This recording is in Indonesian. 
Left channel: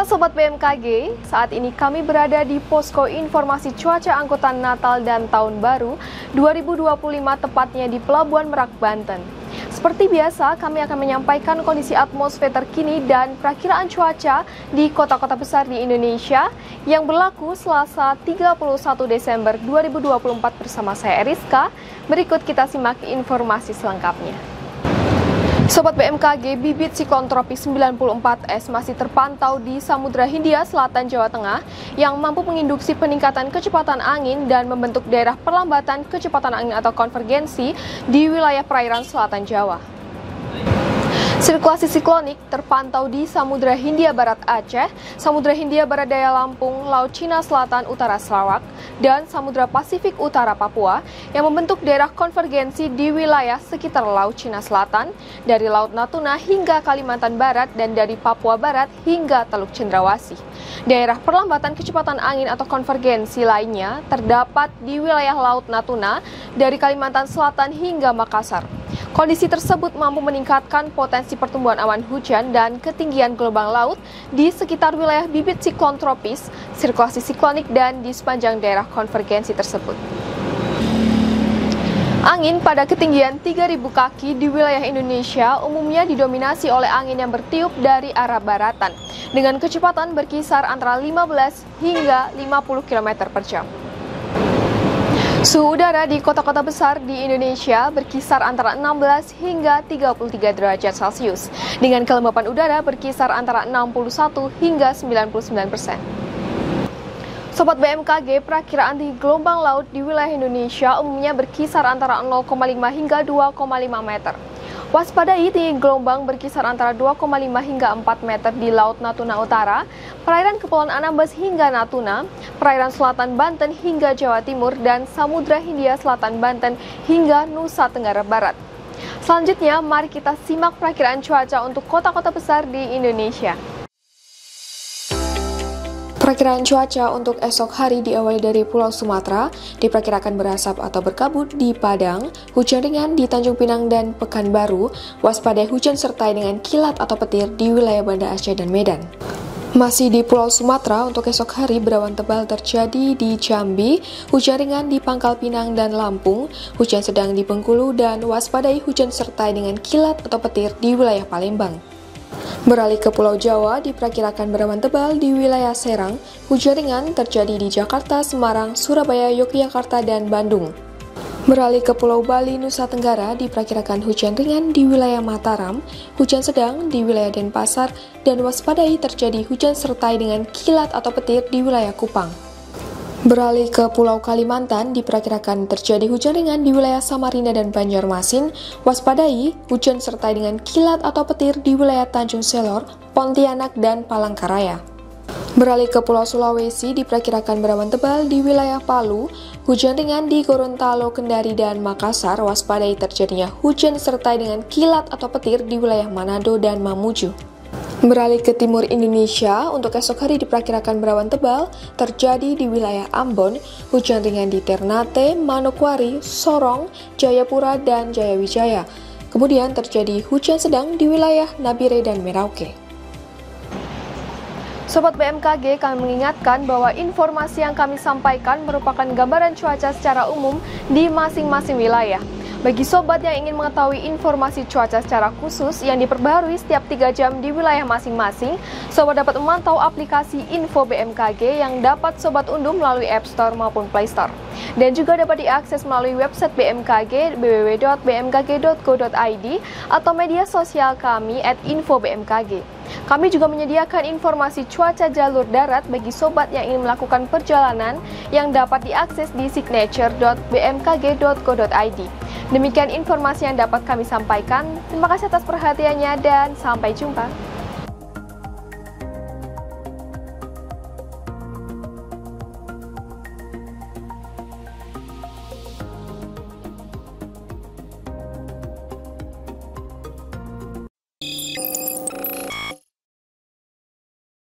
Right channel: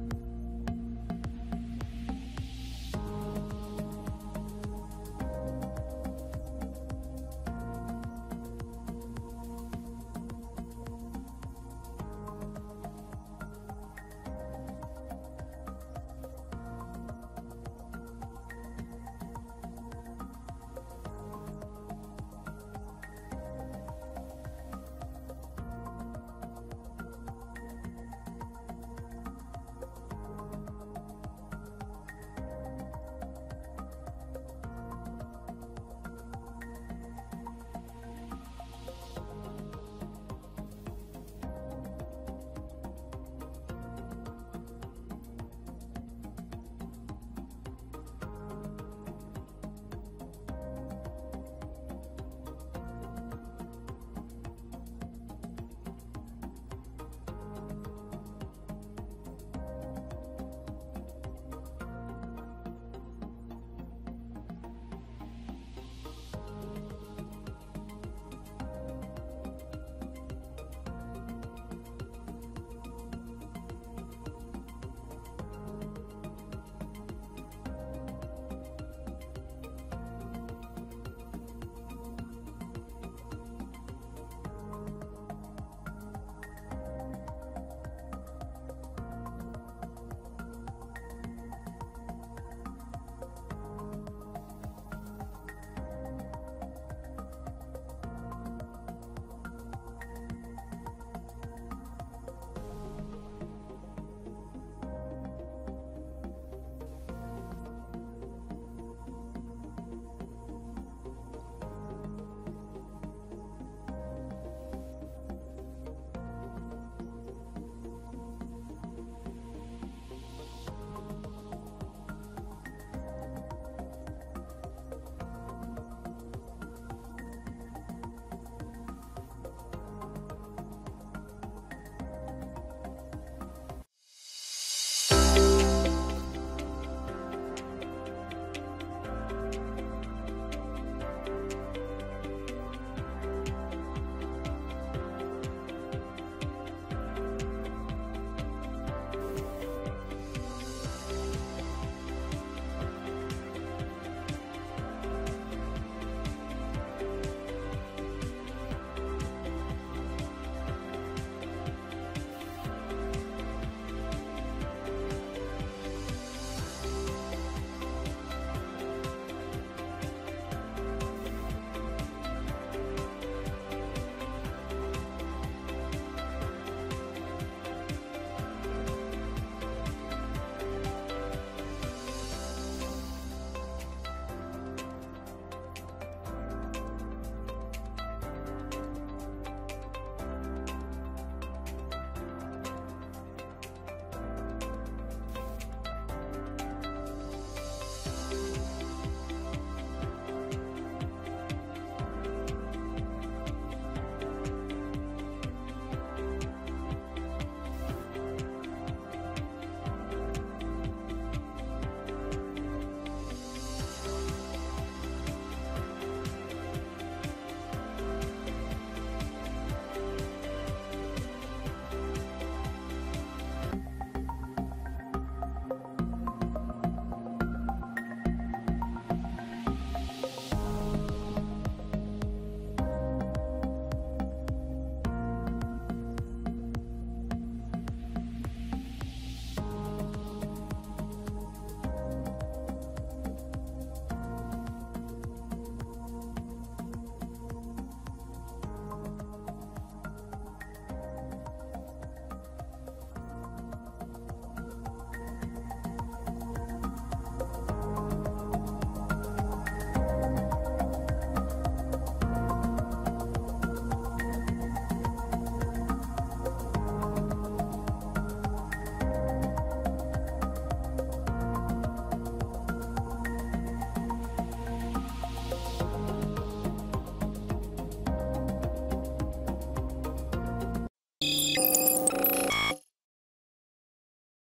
Halo Sobat BMKG, saat ini kami berada di Posko Informasi Cuaca Angkutan Natal dan Tahun Baru 2025 tepatnya di Pelabuhan Merak, Banten. Seperti biasa, kami akan menyampaikan kondisi atmosfer terkini dan perakiraan cuaca di kota-kota besar di Indonesia yang berlaku Selasa 31 Desember 2024 bersama saya Eriska. Berikut kita simak informasi selengkapnya. Sobat BMKG, bibit siklon tropis 94S masih terpantau di Samudra Hindia Selatan Jawa Tengah yang mampu menginduksi peningkatan kecepatan angin dan membentuk daerah perlambatan kecepatan angin atau konvergensi di wilayah perairan selatan Jawa. Sirkulasi siklonik terpantau di Samudra Hindia Barat Aceh, Samudra Hindia Barat Daya Lampung, Laut Cina Selatan Utara Sarawak, dan Samudra Pasifik Utara Papua yang membentuk daerah konvergensi di wilayah sekitar Laut Cina Selatan, dari Laut Natuna hingga Kalimantan Barat dan dari Papua Barat hingga Teluk Cendrawasih. Daerah perlambatan kecepatan angin atau konvergensi lainnya terdapat di wilayah Laut Natuna dari Kalimantan Selatan hingga Makassar. Kondisi tersebut mampu meningkatkan potensi pertumbuhan awan hujan dan ketinggian gelombang laut di sekitar wilayah bibit siklon tropis, sirkulasi siklonik, dan di sepanjang daerah konvergensi tersebut. Angin pada ketinggian 3.000 kaki di wilayah Indonesia umumnya didominasi oleh angin yang bertiup dari arah baratan dengan kecepatan berkisar antara 15 hingga 50 km per jam. Suhu udara di kota-kota besar di Indonesia berkisar antara 16 hingga 33 derajat Celcius, dengan kelembapan udara berkisar antara 61 hingga 99%. Sobat BMKG, perakiraan tinggi gelombang laut di wilayah Indonesia umumnya berkisar antara 0,5 hingga 2,5 meter. Waspadai tinggi gelombang berkisar antara 2,5 hingga 4 meter di Laut Natuna Utara, perairan Kepulauan Anambas hingga Natuna, perairan Selatan Banten hingga Jawa Timur, dan Samudra Hindia Selatan Banten hingga Nusa Tenggara Barat. Selanjutnya, mari kita simak perakiraan cuaca untuk kota-kota besar di Indonesia. Perakiraan cuaca untuk esok hari diawali dari Pulau Sumatera, diperkirakan berasap atau berkabut di Padang, hujan ringan di Tanjung Pinang dan Pekanbaru, waspadai hujan sertai dengan kilat atau petir di wilayah Banda Aceh dan Medan. Masih di Pulau Sumatera, untuk esok hari berawan tebal terjadi di Jambi, hujan ringan di Pangkal Pinang dan Lampung, hujan sedang di Bengkulu, dan waspadai hujan sertai dengan kilat atau petir di wilayah Palembang. Beralih ke Pulau Jawa, diperkirakan berawan tebal di wilayah Serang, hujan ringan terjadi di Jakarta, Semarang, Surabaya, Yogyakarta, dan Bandung. Beralih ke Pulau Bali, Nusa Tenggara, diperkirakan hujan ringan di wilayah Mataram, hujan sedang di wilayah Denpasar, dan waspadai terjadi hujan sertai dengan kilat atau petir di wilayah Kupang. Beralih ke Pulau Kalimantan, diperkirakan terjadi hujan ringan di wilayah Samarinda dan Banjarmasin, waspadai hujan sertai dengan kilat atau petir di wilayah Tanjung Selor, Pontianak, dan Palangkaraya. Beralih ke Pulau Sulawesi, diperkirakan berawan tebal di wilayah Palu, hujan ringan di Gorontalo, Kendari, dan Makassar, waspadai terjadinya hujan sertai dengan kilat atau petir di wilayah Manado dan Mamuju. Beralih ke timur Indonesia, untuk esok hari diperkirakan berawan tebal terjadi di wilayah Ambon, hujan ringan di Ternate, Manokwari, Sorong, Jayapura, dan Jayawijaya. Kemudian terjadi hujan sedang di wilayah Nabire dan Merauke. Sobat BMKG, kami mengingatkan bahwa informasi yang kami sampaikan merupakan gambaran cuaca secara umum di masing-masing wilayah. Bagi sobat yang ingin mengetahui informasi cuaca secara khusus yang diperbaharui setiap 3 jam di wilayah masing-masing, sobat dapat memantau aplikasi Info BMKG yang dapat sobat unduh melalui App Store maupun Play Store. Dan juga dapat diakses melalui website BMKG www.bmkg.go.id atau media sosial kami @infobmkg. Kami juga menyediakan informasi cuaca jalur darat bagi sobat yang ingin melakukan perjalanan yang dapat diakses di signature.bmkg.go.id. Demikian informasi yang dapat kami sampaikan. Terima kasih atas perhatiannya dan sampai jumpa.